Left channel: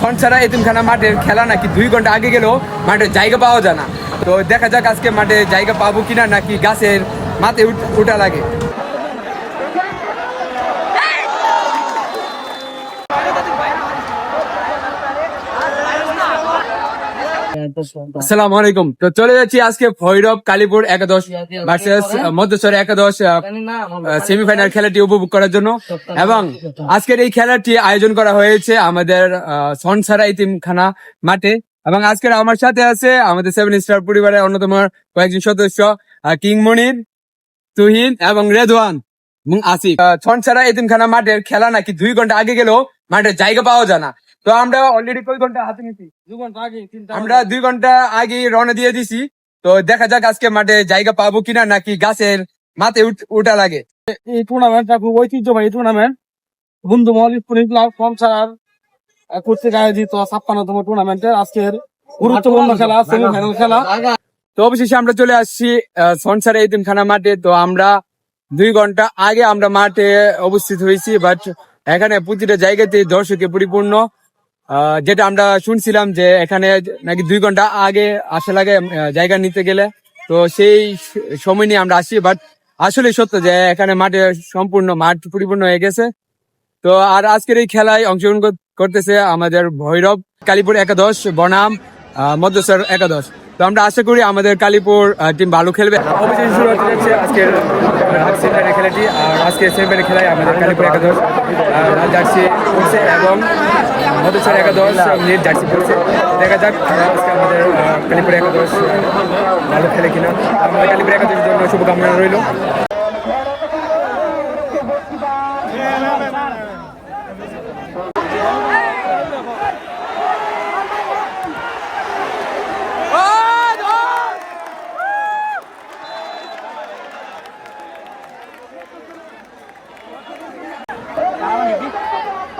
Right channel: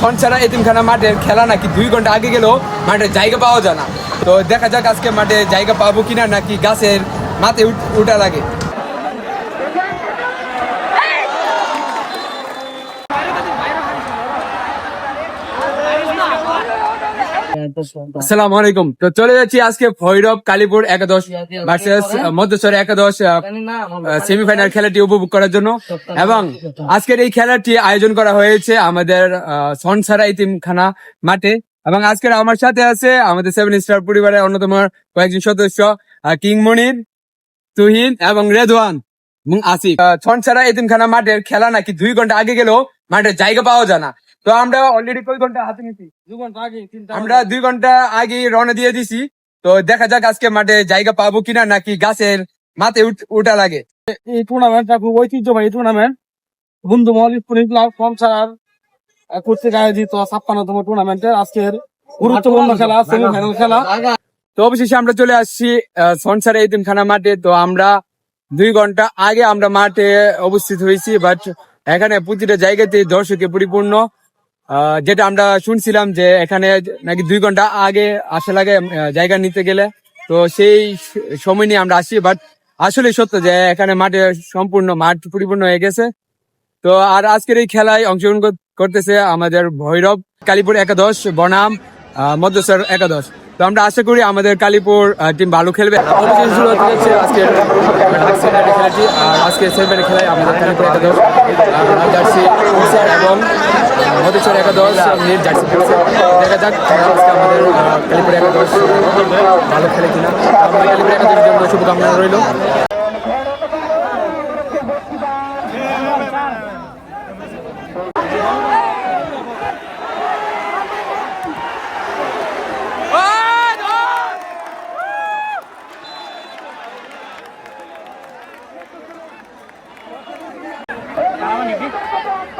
ছনছাড়া এতিমখানা মাঠের খেলা নাকি দুই ঘণ্টা আগে গেলেও মাঠের জায়গা পাওয়া যায় না। তো দেখা যাক আজকে মাঠে জায়গা পাবো কিনা নাকি গাছের মাথায় উঠ- লাগে। আসসালামু আলাইকুম তো চলে যাচ্ছি আজকে ভৈরব কালীপুর একাদশ ভার্সেস মধ্যস্বর একাদশ সেমিফাইনাল খেলাটি উপভোগ করার জন্য। এবং আজকের এই খেলাটি আয়োজন করা হয়েছে আমাদের সনসারা ইতিমখানা মাঠে। এবং আজকের আমার সাথে আছে আমাদের সেভেন স্টার পরিবারের অন্যতম কয়েকজন সদস্য আহ, কিং মনির তুহিন এবং রেদওয়ান এবং আসিফ। ছনছাড়া এতিমখানা মাঠের খেলা নাকি দুই ঘণ্টা আগে গেলেও মাঠের জায়গা পাওয়া যায় না। তো আমরা অলরেডি কই ঘণ্টা হাতে নিছি? আমরা দুই ঘণ্টা আগে রওনা দিয়ে দিছি। তো দেখা যাক আজকে মাঠে জায়গা পাবো কিনা নাকি গাছের মাথায় উঠা লাগে। এই টুর্নামেন্টটা খুব ঐতিহ্যবাহী টুর্নামেন্ট বন্ধু মহল স্পোর্টিং ক্লাব কমসার কর্তৃক আয়োজিত ছাপ্পান্নতম টুর্নামেন্টের আজকের গুরুত্বপূর্ণ খেলা সেমিফাইনাল খেলা। তো অবশেষে আমরা চলে আসছি সনসারে এতিমখানা মাঠে। তো আমরা দুই ঘণ্টা আগে আমরা মাঠে অবস্থিত হয়েছি বাট এখানে প্রতিটা জায়গাতে দর্শকে পরিপূর্ণ। যেটা আমরা শুনছিলাম যে এখানে নাকি দুই ঘণ্টা আগে আসা লাগে জায়গা নিতে গেলে। তো সেই সময় নিয়ে আমরা আসি বাট আসলে সত্য যে এখানে মাঠে সম্পূর্ণ মাঠ পরিপূর্ণ হয়ে গেছে। তো আর আজকের এই খেলায় অংশগ্রহণ করতেছে আমাদের ভৈরব কালীপুর একাদশ বনাম আহ, মধ্যস্বর একাদশ। তো আমরা আশা করি আমাদের কালীপুর টিম ভালো খেলবে। আজকের খেলাটি। আর আজকে সেমিফাইনাল খেলায় আমাদের কালীপুর একাদশ এবং মধ্যস্বর একাদশ নীল জার্সি পড়ছে। দেখা যাক তারা আজকে আমাদের কালীপুর একাদশ ভালো খেলে কিনা। আমাদের কালীপুর একাদশের জন্য শুভকামনা রইল।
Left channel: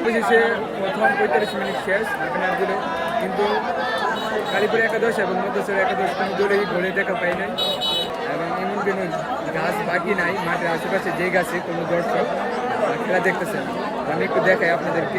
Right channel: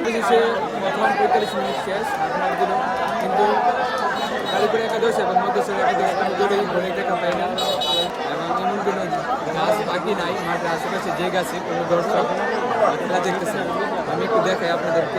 অবশেষে প্রথম পঁয়তাল্লিশ মিনিট শেষ হাফ দিল কিন্তু কালীপুর একাদশ এবং মধ্যস্বর একাদশ কোনো দূরেই ঘরে দেখা পাই নাই। এবং এমন কোনো গাছ বাকি নাই, মাঠের আশেপাশে যে গাছে কোনো দর্শক খেলা দেখতেছে আমি একটু দেখাই আপনাদেরকে।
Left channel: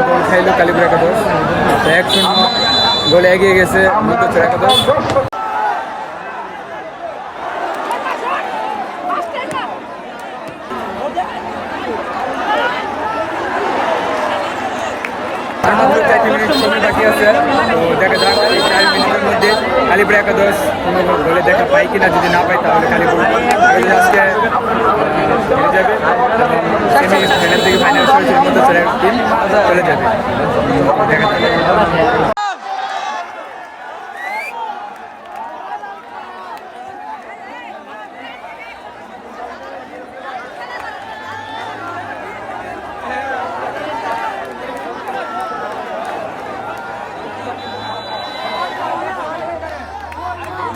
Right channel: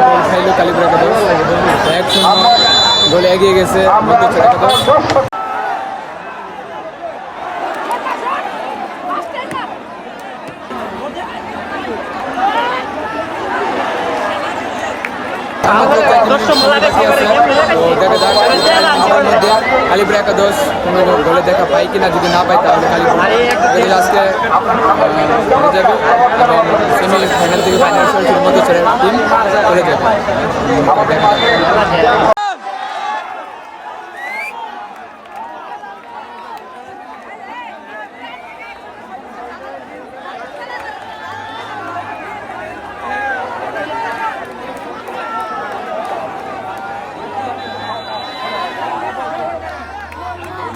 গোল খাইলো কালীপুর একাদশ। এক শূন্য গোলে এগিয়ে গেছে মধ্যচর একাদশ। সময় বাকি আছে। তো দেখা যাক চার মিনিটের মধ্যে কালীপুর একাদশ কোনো গোলে দেখা পাই কিনা, যদি না পাই তাহলে একাদশ আজকে হেরে যাবে এবং ফাইনাল থেকে ফাইনাল সরাসরি মধ্যচরের টিম চলে যাবে।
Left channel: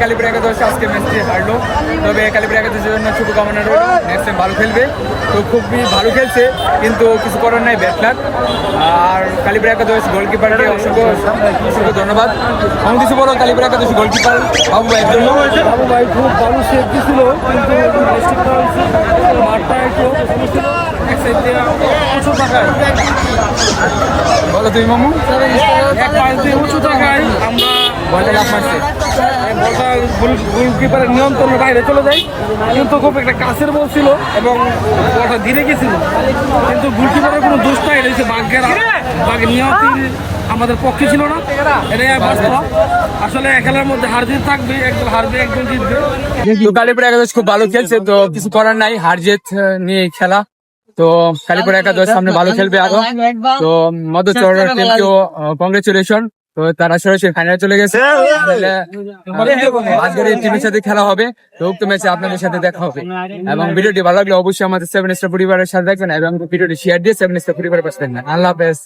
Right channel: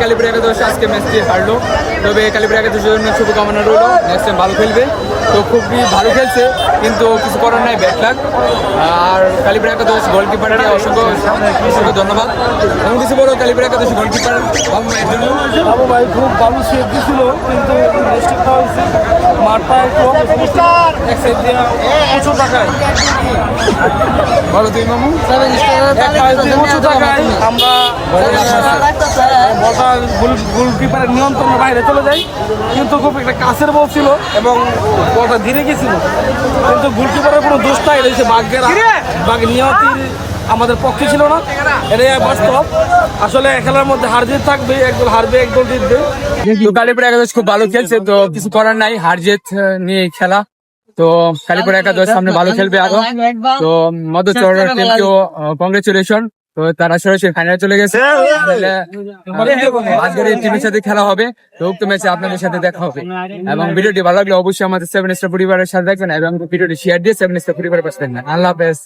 কালিপুর একাদশ আজকে ম্যাচটি হারলো। তবে কালিপুর একাদশের জন্য শুভকামনা রইল। নেক্সট টাইম ভালো খেলবে। তো খুবই ভালো খেলছে কিন্তু কিছু করার নাই ব্যাট লাগ আর কালিপুর একাদশ গোলকিপারকে অসংখ্য অসংখ্য ধন্যবাদ। এবং কিছু বলো কালিপুর একাদশ গোলকিপার বাবু ভাইয়ের জন্য? বাবু ভাই খুব বাবু সেফ দিছিল কিন্তু মাঠটা একটু উঁচু বলো তুমি মামু। এক পাশ দিয়ে উঁচু টাকায় আমরা বলটা লাভ মারছে। গোলকিপারের নিয়ন্ত্রণের বাইরে চলে যায়। কিন্তু খুব একটা কাছের বল ছিল এবং বলটা ধীরে গেছিল। কিন্তু গোলকিপারের কোনো দোষ নাই রয়েছে বাঘের বাঘের নিয়তি আমাদের পক্ষে ছিল না। এটাই বাস্তব। আসলে খেলার মধ্যে হার জিত থাকবে, একদল হারবে, একদল জিতবে। কালিপুর একাদশ খুব ভালো খেলছে, তো কিছু করার নাই, হার জিত নিয়ে খেলা। তো কালিপুর একাদশ সামনে ভালো খেলবে আরও। তো মধুচর টিমকেও কংগ্রেচুলেশন তো তারা সরাসরি ফাইনালে চলে গেছে। তাহলে, আহ, আজকের এই টিমের সাথে খেলা হবে তো উক্ত ম্যাচে আপনাদের সাথে দেখা হবে। এবং ভিডিওটি ভালো লাগলে অবশ্যই আমাদের সেভেন স্টার পরিবারের সাথে দেখবেন এবং ভিডিওটি শেয়ার দিয়ে সেভেন স্টার পরিবারের পাশে দেখবেন আল্লাহ হাফেজ।